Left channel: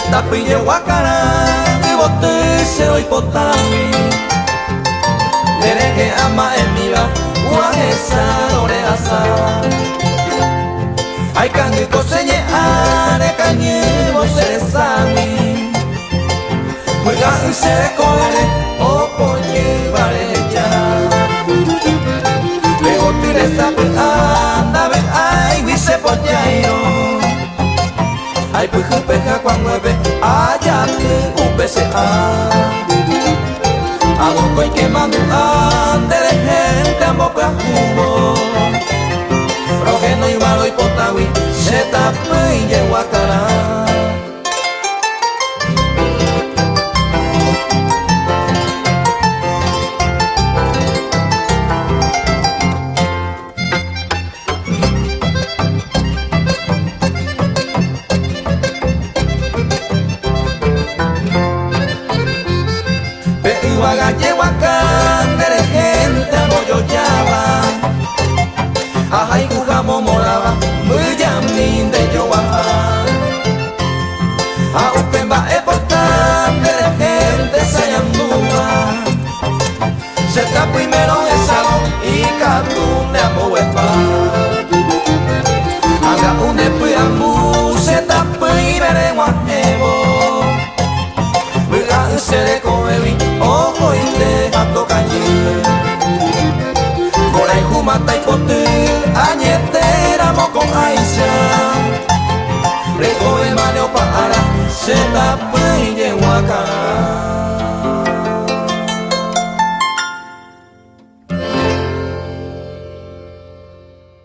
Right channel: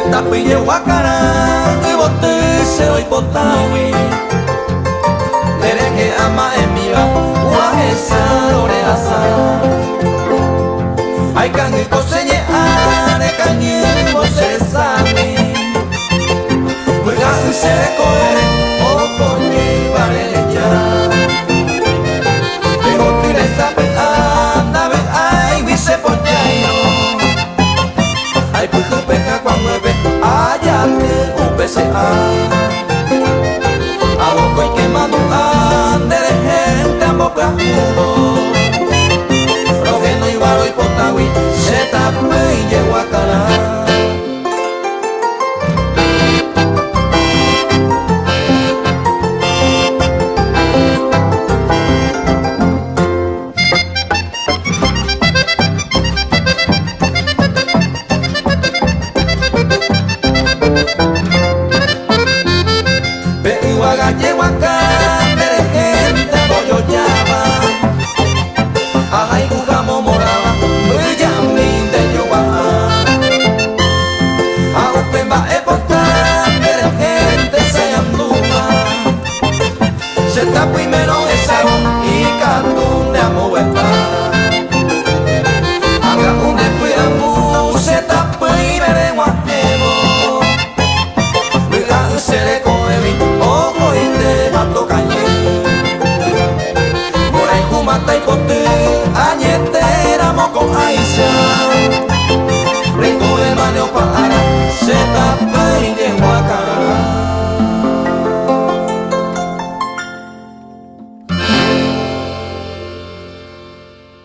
tapi Yehuacarán y bote se hoy potawi Dereje ama en mi va Uajesa ore asa Ay kangi kosenye are kanyi vose sami Muiga usere koere o ponye vare hecha Lego tire sape anda ve ay vise pochairo Ay puju peja cuan mueve ayate UPCA Aboco y quemando ande de gente ambo cajubo Rogeno y balo y potawi se tapé y llegó a cara Yehuacán de gente aboyoyaba Ajay jugamo moraba Muyamin de Yoaha A upemba epotán de gente se anduva Se está primero esalo y catún de amoepa Haga un después ambu se está primero en guajevo Muga usere koevi ojo y te hato cañe Mora y jumata y pote añetera moco aisha Rengo de maneo para se tapa y llegó a cara